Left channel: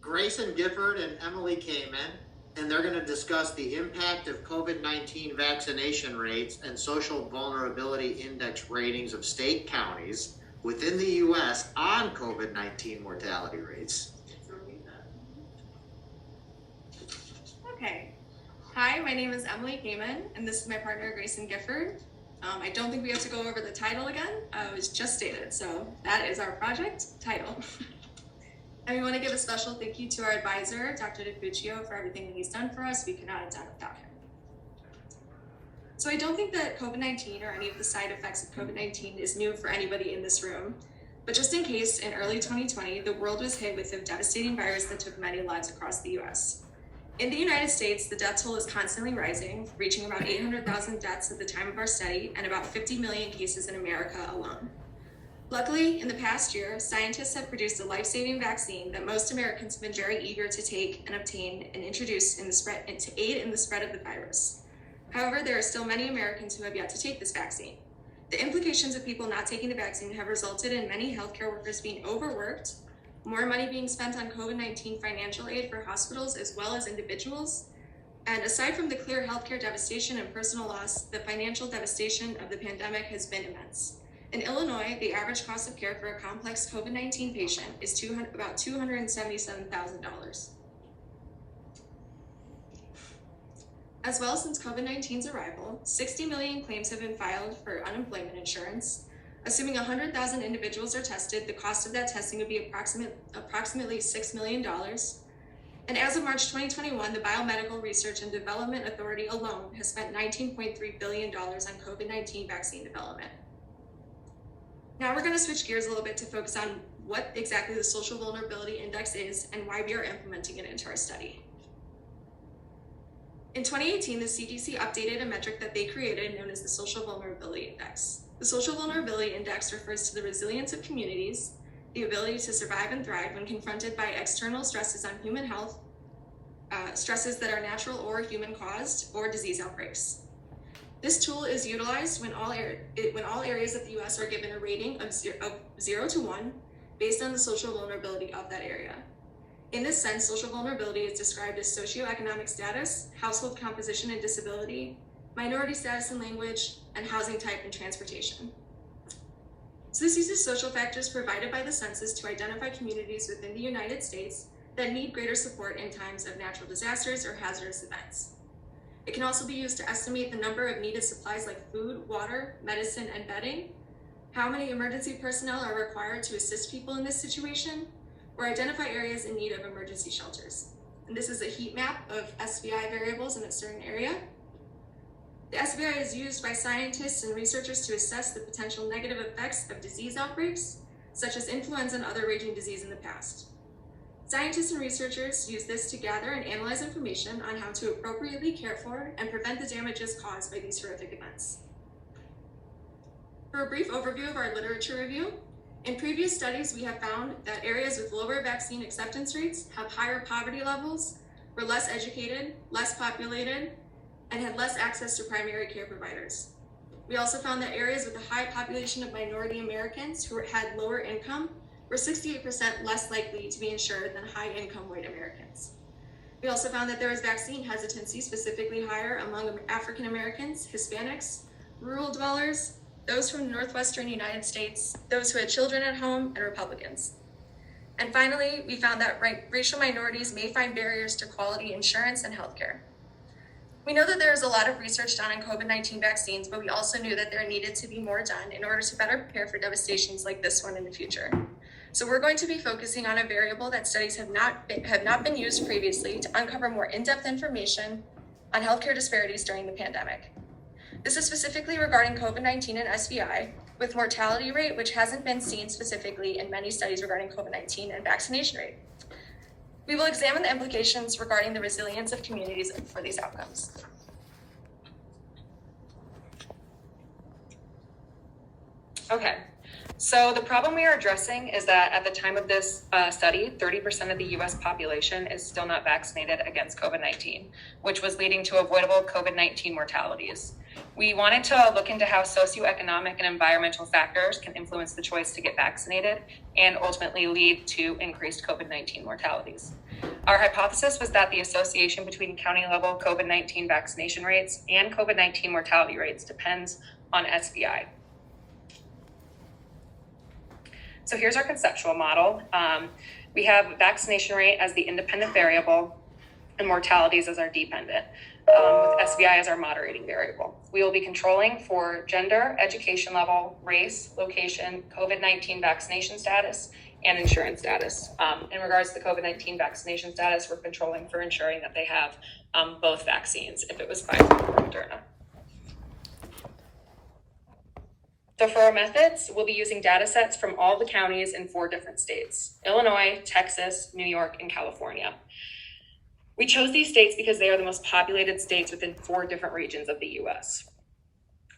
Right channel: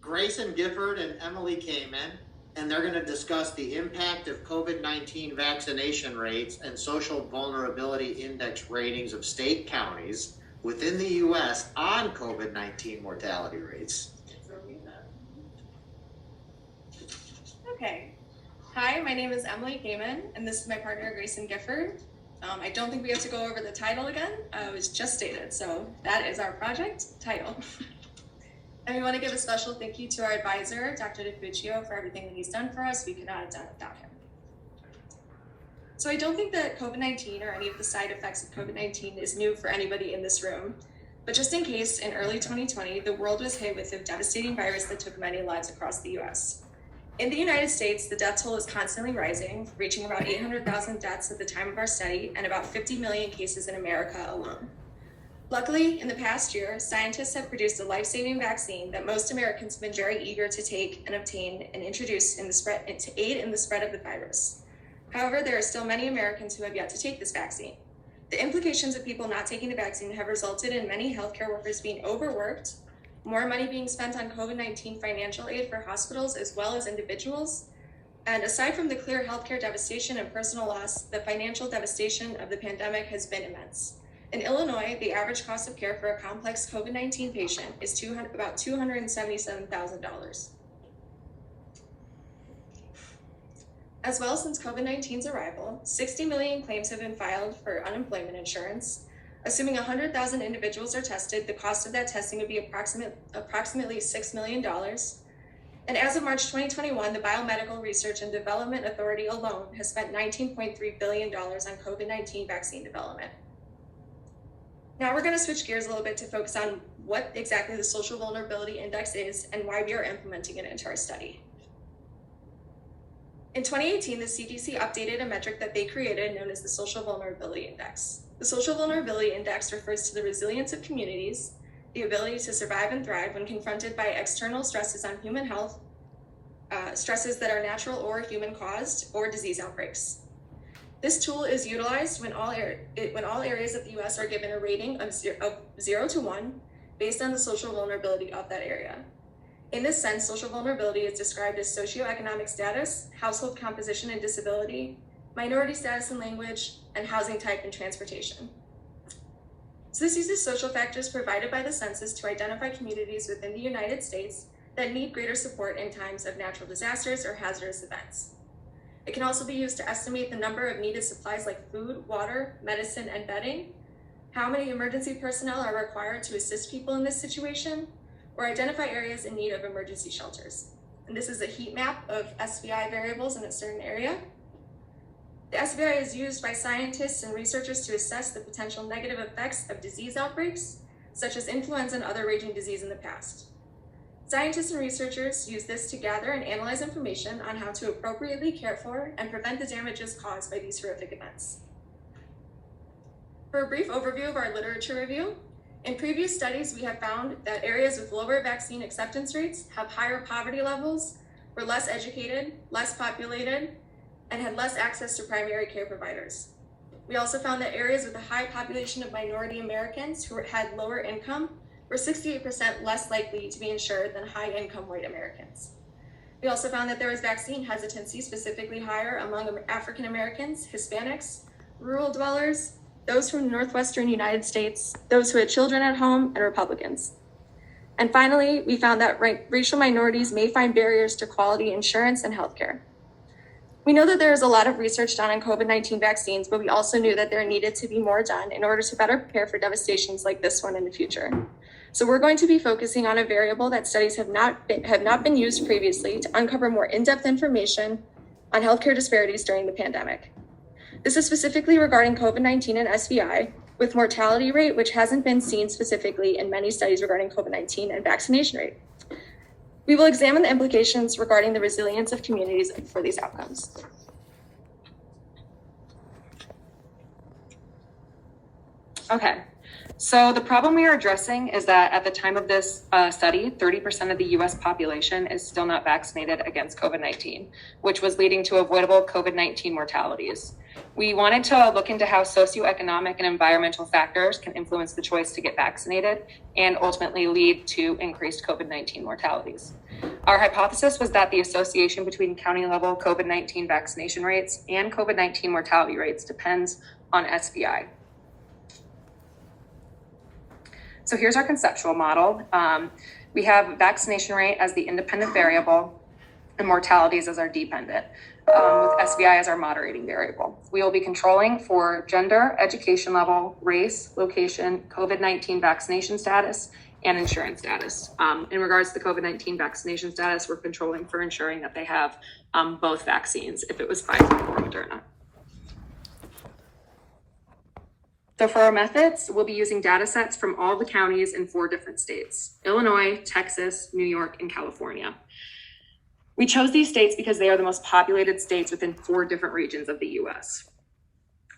Grayson Gifford and Emily Kamen, and they're going to discuss the impact of COVID-19 vaccination rates and social vulnerability index ratings of state counties within the U.S. on COVID-19 mortality rates. Okay. Hi, my name is Emily Kamen, and this is my partner, Grayson Gifford. I don't think we have to go over the title again. It was just stated, so that is our project title. And we want to give a special thank you to our advisor, Dr. DiFuccio, for everything that he's done for us. We could not have done it without him. So I don't think that COVID-19 or any of the side effects of COVID-19 is new for anybody in this room. But just in case, in early 2020, the world was hit with a devastating virus that took many lives across the US. In the United States, the death toll is constantly rising, reaching about 800,000 deaths at the time of our study and about 50 million cases in America alone. Luckily, in the past year, scientists have produced a life-saving vaccine that most Americans have been very eager to take and obtain and introduce in the spread and to aid in the spread of the virus. However, there are still many Americans who have yet to take this vaccine. The implications of people not taking the vaccine have resulted in many healthcare workers being overworked, more money being spent on COVID-19 financial aid for hospitals as well as individuals, and aside from the clear healthcare devastation and personal loss, the financial devastation of the pandemic has been immense. In Illinois, the average cost of care for a complex COVID-19 patient is about $277,000. As well, since COVID-19's arrival, 60 million claims have been filed for unemployment insurance. Assuming 100,000 individuals are tested, the cost of that testing would be approximately $6 million. And as of March 2021, the Biomedical Research and Development Authority alone has spent $19.3 billion on COVID-19 vaccine development. Now we're going to switch gears a little bit to focus on what exactly the Social Vulnerability Index is and why we are implementing it into our study. In 2018, the CDC updated a metric that they created known as the Social Vulnerability Index. The Social Vulnerability Index refers to the resilience of communities, the ability to survive and thrive when confronted by external stresses on human health, stresses that are natural or human caused, or disease outbreaks. This tool is utilized when all areas of the US are given a rating of 0 to 1 based on the social vulnerability of that area. In this sense, social vulnerability is described as socioeconomic status, household composition and disability, minority status and language, and housing type and transportation. So this uses social factors provided by the census to identify communities within the United States that need greater support in times of natural disasters or hazardous events. It can also be used to estimate the number of needed supplies like food, water, medicine, and bedding, how many emergency personnel are required to assist people in this situation, or identify areas in need of emergency shelters. And this is a heat map of SVI variables in a certain area. The SVI is used by scientists and researchers to assess the potential negative effects of disease outbreaks, such as influenza and other raging disease in the past. Scientists and researchers use this to gather and analyze information on how to appropriately care for and prevent the damages caused by these horrific events. For a brief overview of our literature review, in previous studies, we have found that areas with lower vaccine acceptance rates have higher poverty levels, were less educated, less populated, and had less access to primary care providers. We also found that areas with a high population of minority Americans who had lower income were 68% less likely to be insured than high-income white Americans. We also found that there was vaccine hesitancy, specifically higher among African Americans, Hispanics, rural dwellers, those from the Northwestern United States, those who had children at home, and Republicans. And finally, we found that racial minorities may find barriers to quality insurance and healthcare. We know that there is a lot of research done on COVID-19 vaccines, but we also knew that there needed to be more done in order to better prepare for devastations like this one in the future. So we're going to be focusing on a variable that studies have not been used previously to uncover more in-depth information on healthcare disparities during the pandemic. This is specifically regarding COVID-19 and SVI, with mortality rate, which hasn't been seen specifically in many studies regarding COVID-19 and vaccination rate. We will examine the implications regarding the resilience of communities for these outcomes. Okay, so the problem we are addressing is that at the time of this study, 30% of the US population is still not vaccinated against COVID-19, which was leading to avoidable COVID-19 mortalities. We wanted to look into how socioeconomic and environmental factors can influence the choice to get vaccinated and ultimately lead to increased COVID-19 mortalities. Our hypothesis was that the association between county-level COVID-19 vaccination rates and COVID-19 mortality rates depends on SVI. So here's our conceptual model. We have vaccination rate as the independent variable and mortalities as our dependent, with SVI as our moderating variable. We will be controlling for gender, education level, race, location, COVID-19 vaccination status, and insurance status. In regards to the COVID-19 vaccination status, we're controlling for ensuring that they have both vaccines if it was Pfizer or Moderna. So for our methods, we'll be using data sets from all the counties in 4 different states: Illinois, Texas, New York, and California. We chose these states because they are the most populated states within 4 different regions of the US.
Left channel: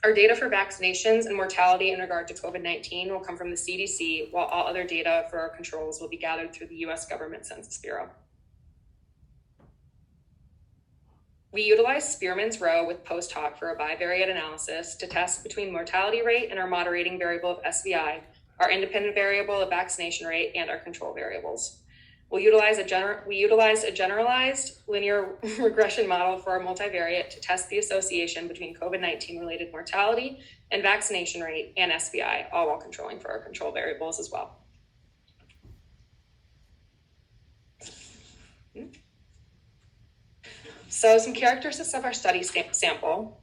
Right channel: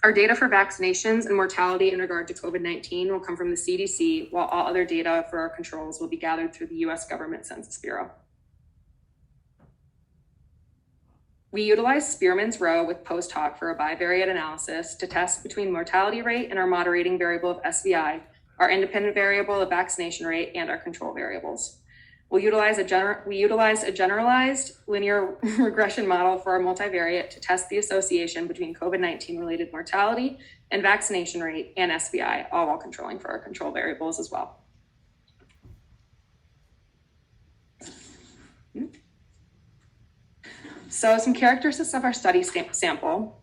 Our data for vaccinations and mortality in regard to COVID-19 will come from the CDC, while all other data for our controls will be gathered through the US Government Census Bureau. We utilize Spearman's Rho with post hoc for a bivariate analysis to test between mortality rate and our moderating variable of SVI, our independent variable of vaccination rate, and our control variables. We utilize a generalized linear regression model for our multivariate to test the association between COVID-19 related mortality and vaccination rate and SVI, all while controlling for our control variables as well. So some characteristics of our study sample.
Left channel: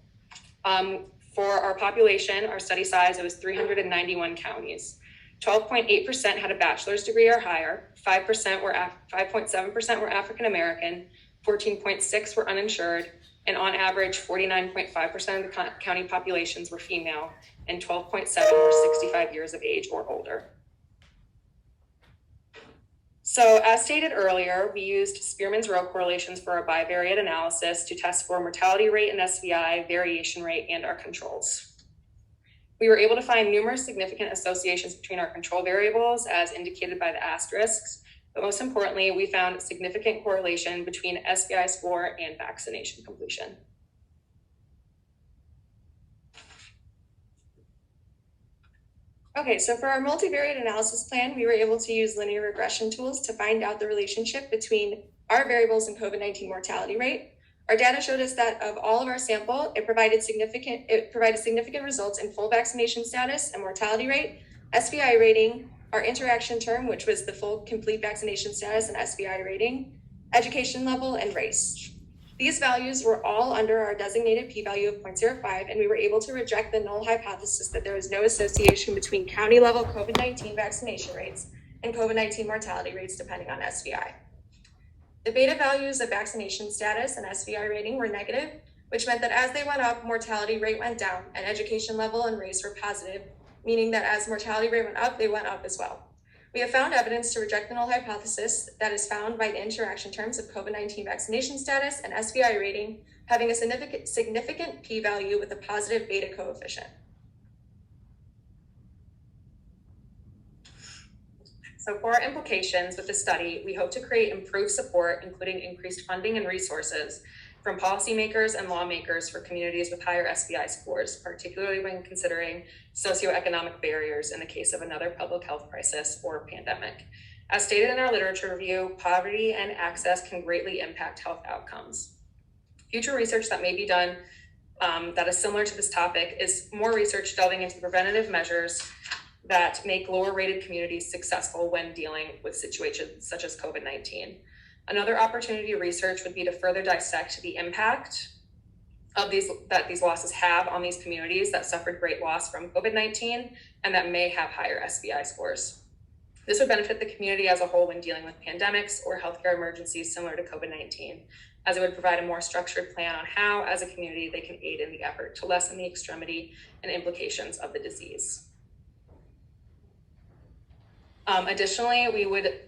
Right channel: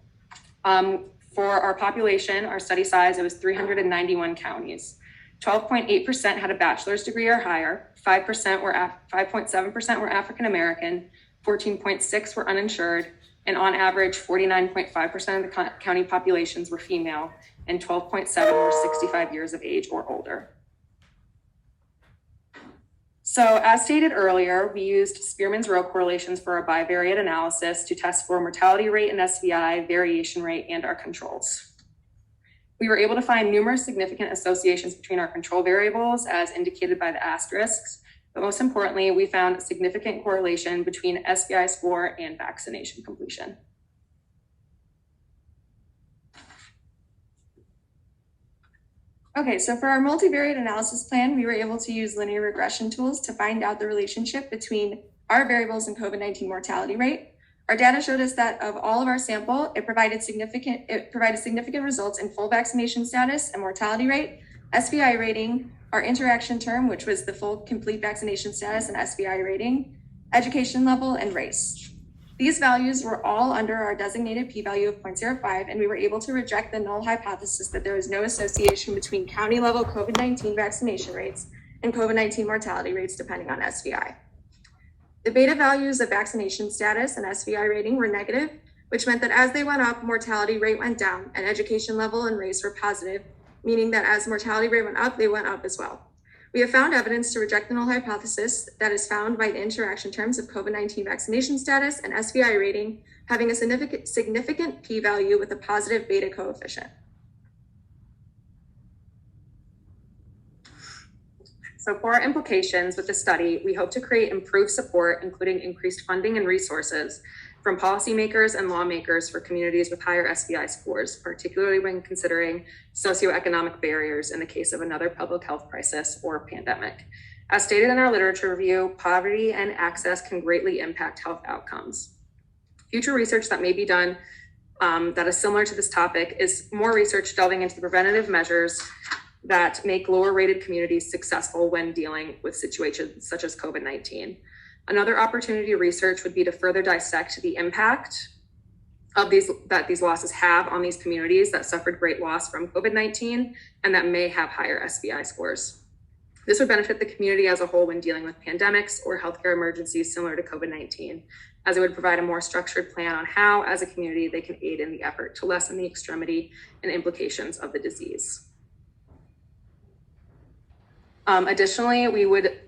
For our population, our study size, it was 391 counties. 12.8% had a bachelor's degree or higher, 5.7% were African American, 14.6% were uninsured, and on average, 49.5% of the county populations were female, and 12.7% were 65 years of age or older. So as stated earlier, we used Spearman's Rho correlations for our bivariate analysis to test for mortality rate and SVI, variation rate, and our controls. We were able to find numerous significant associations between our control variables as indicated by the asterisks, but most importantly, we found significant correlation between SVI score and vaccination completion. Okay, so for our multivariate analysis plan, we were able to use linear regression tools to find out the relationship between our variables and COVID-19 mortality rate. Our data showed us that of all of our sample, it provided significant results in full vaccination status and mortality rate, SVI rating, our interaction term, which was the full complete vaccination status and SVI rating, education level, and race. These values were all under our designated p-value of 0.05, and we were able to reject the null hypothesis that there was no association between county level COVID-19 vaccination rates and COVID-19 mortality rates depending on SVI. The beta values of vaccination status and SVI rating were negative, which meant that as they went up, mortality rate went down, and education level and race were positive, meaning that as mortality rate went up, they went up as well. We have found evidence to reject the null hypothesis that is found by the interaction terms of COVID-19 vaccination status and SVI rating having a significant p-value with a positive beta coefficient. So for our implications with the study, we hope to create improved support, including increased funding and resources from policymakers and lawmakers for communities with higher SVI scores, particularly when considering socioeconomic barriers in the case of another public health crisis or pandemic. As stated in our literature review, poverty and access can greatly impact health outcomes. Future research that may be done that is similar to this topic is more research delving into the preventative measures that make lower rated communities successful when dealing with situations such as COVID-19. Another opportunity to research would be to further dissect the impact of these losses have on these communities that suffered great loss from COVID-19 and that may have higher SVI scores. This would benefit the community as a whole when dealing with pandemics or healthcare emergencies similar to COVID-19, as it would provide a more structured plan on how, as a community, they can aid in the effort to lessen the extremity and implications of the disease. Additionally, we would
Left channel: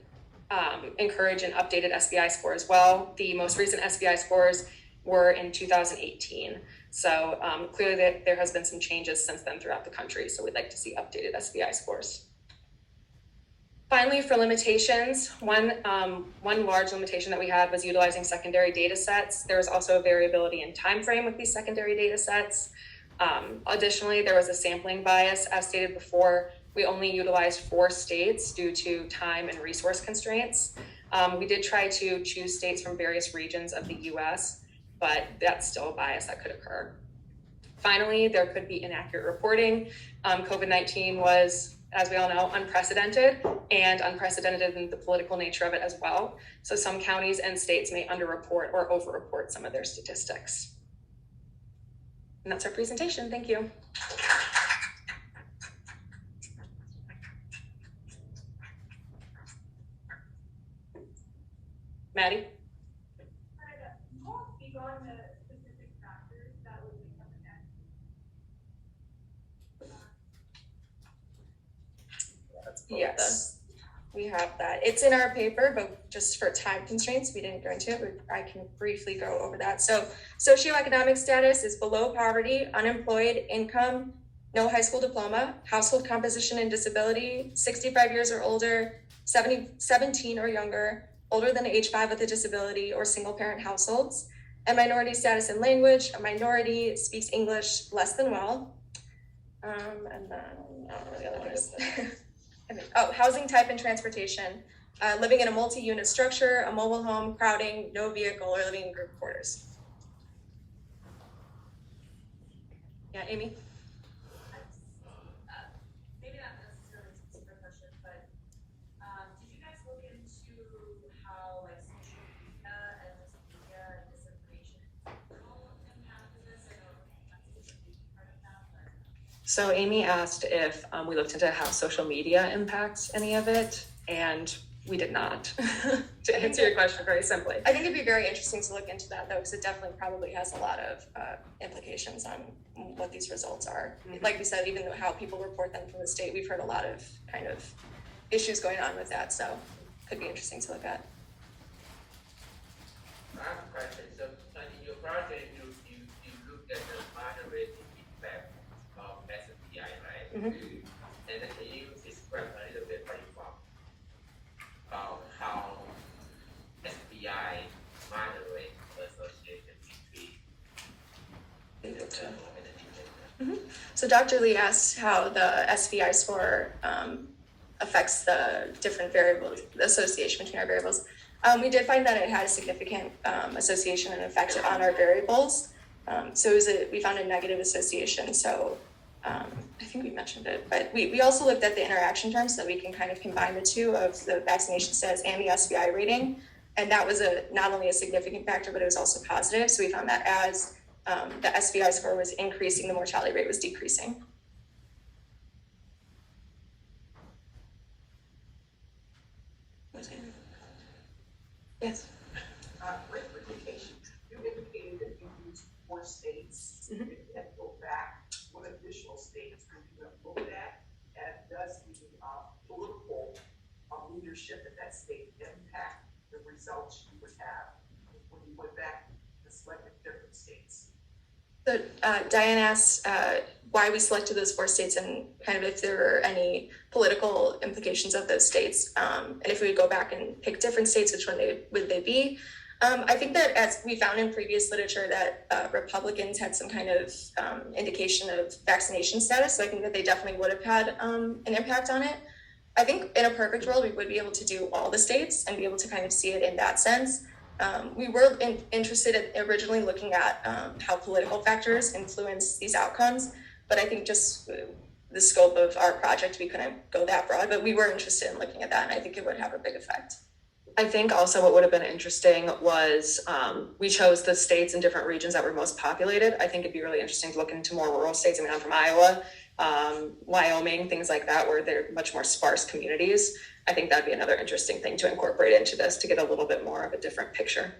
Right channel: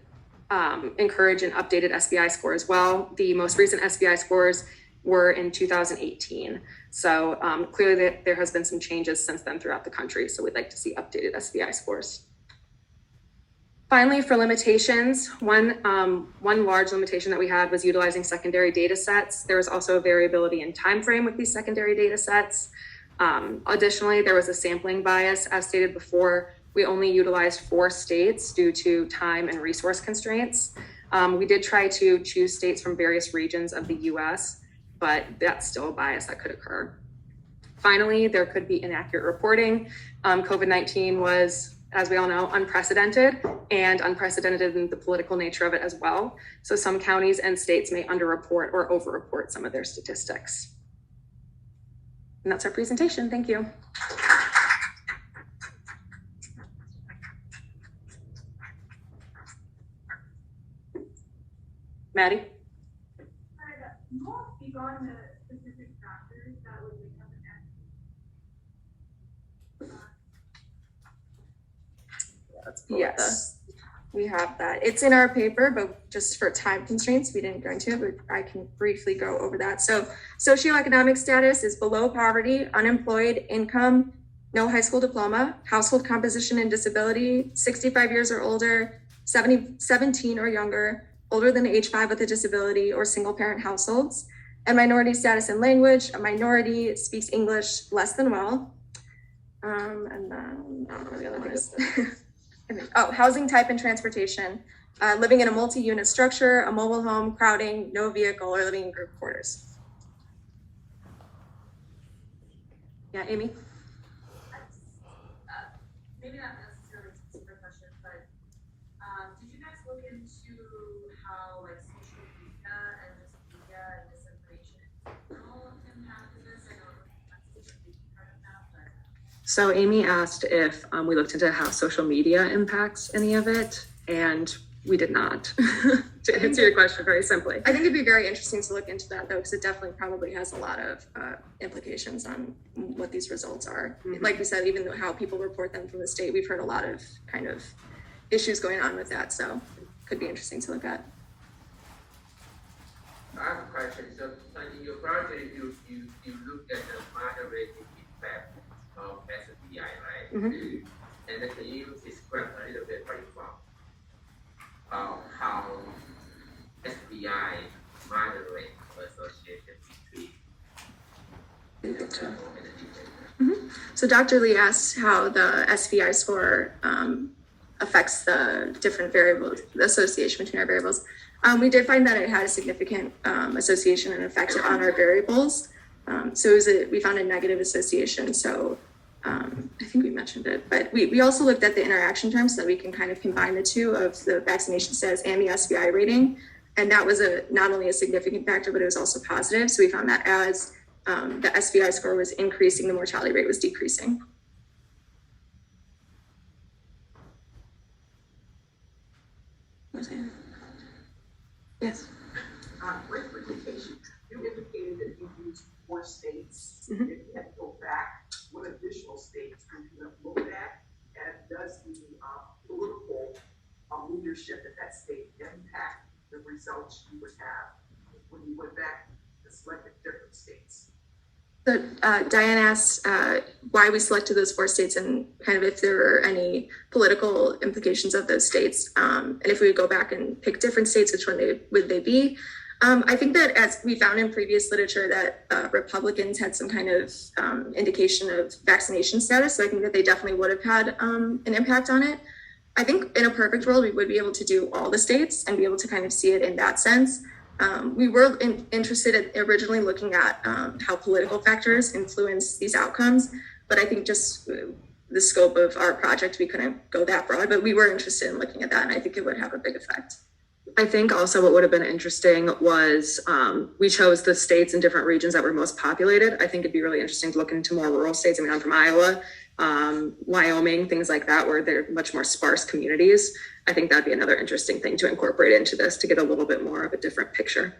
encourage an updated SVI score as well. The most recent SVI scores were in 2018. So clearly there has been some changes since then throughout the country. So we'd like to see updated SVI scores. Finally, for limitations, one large limitation that we had was utilizing secondary data sets. There was also a variability in time frame with these secondary data sets. Additionally, there was a sampling bias. As stated before, we only utilized 4 states due to time and resource constraints. We did try to choose states from various regions of the US, but that's still a bias that could occur. Finally, there could be inaccurate reporting. COVID-19 was, as we all know, unprecedented in the political nature of it as well. So some counties and states may underreport or overreport some of their statistics. And that's our presentation. Thank you. Maddie? Yes, we have that. It's in our paper, but just for time constraints, we didn't go into it, but I can briefly go over that. So socioeconomic status is below poverty, unemployed, income, no high school diploma, household composition and disability, 65 years or older, 17 or younger, older than age 5 with a disability, or single parent households. And minority status and language, a minority speaks English less than well. And then, I don't know what the other one is. Housing type and transportation, living in a multi-unit structure, a mobile home, crowding, no vehicle, or living in group quarters. Yeah, Amy? Maybe not necessarily a specific question, but did you guys look into how like social media and disinformation all impact this? I don't know if that's a big part of that, but. So Amy asked if we looked into how social media impacts any of it, and we did not. To answer your question very simply. I think it'd be very interesting to look into that though, because it definitely probably has a lot of implications on what these results are. Mm-hmm. Like we said, even though how people report them from the state, we've heard a lot of kind of issues going on with that, so could be interesting to look at. I have a question. So in your project, you looked at the moderate effect of SPI, right? Mm-hmm. And then can you describe a little bit what you found about how SPI moderate association between the level and the detail? So Dr. Lee asked how the SVI score affects the different variables, the association between our variables. We did find that it had a significant association and effect on our variables. So we found a negative association. So I think we mentioned it, but we also looked at the interaction terms so that we can kind of combine the two of the vaccination status and the SVI rating. And that was not only a significant factor, but it was also positive. So we found that as the SVI score was increasing, the mortality rate was decreasing. Yes. Great presentation. You indicated that you used 4 states. Mhm. If you had to go back, what additional states could you have looked at? And does the political leadership in that state impact the results you would have when you went back to select different states? So Diane asked why we selected those 4 states and kind of if there were any political implications of those states. And if we would go back and pick different states, which one would they be? I think that as we found in previous literature that Republicans had some kind of indication of vaccination status. So I think that they definitely would have had an impact on it. I think in a perfect world, we would be able to do all the states and be able to kind of see it in that sense. We were interested in originally looking at how political factors influence these outcomes, but I think just the scope of our project, we couldn't go that broad, but we were interested in looking at that, and I think it would have a big effect. I think also what would have been interesting was we chose the states and different regions that were most populated. I think it'd be really interesting to look into more rural states. I mean, I'm from Iowa, Wyoming, things like that, where they're much more sparse communities. I think that'd be another interesting thing to incorporate into this to get a little bit more of a different picture.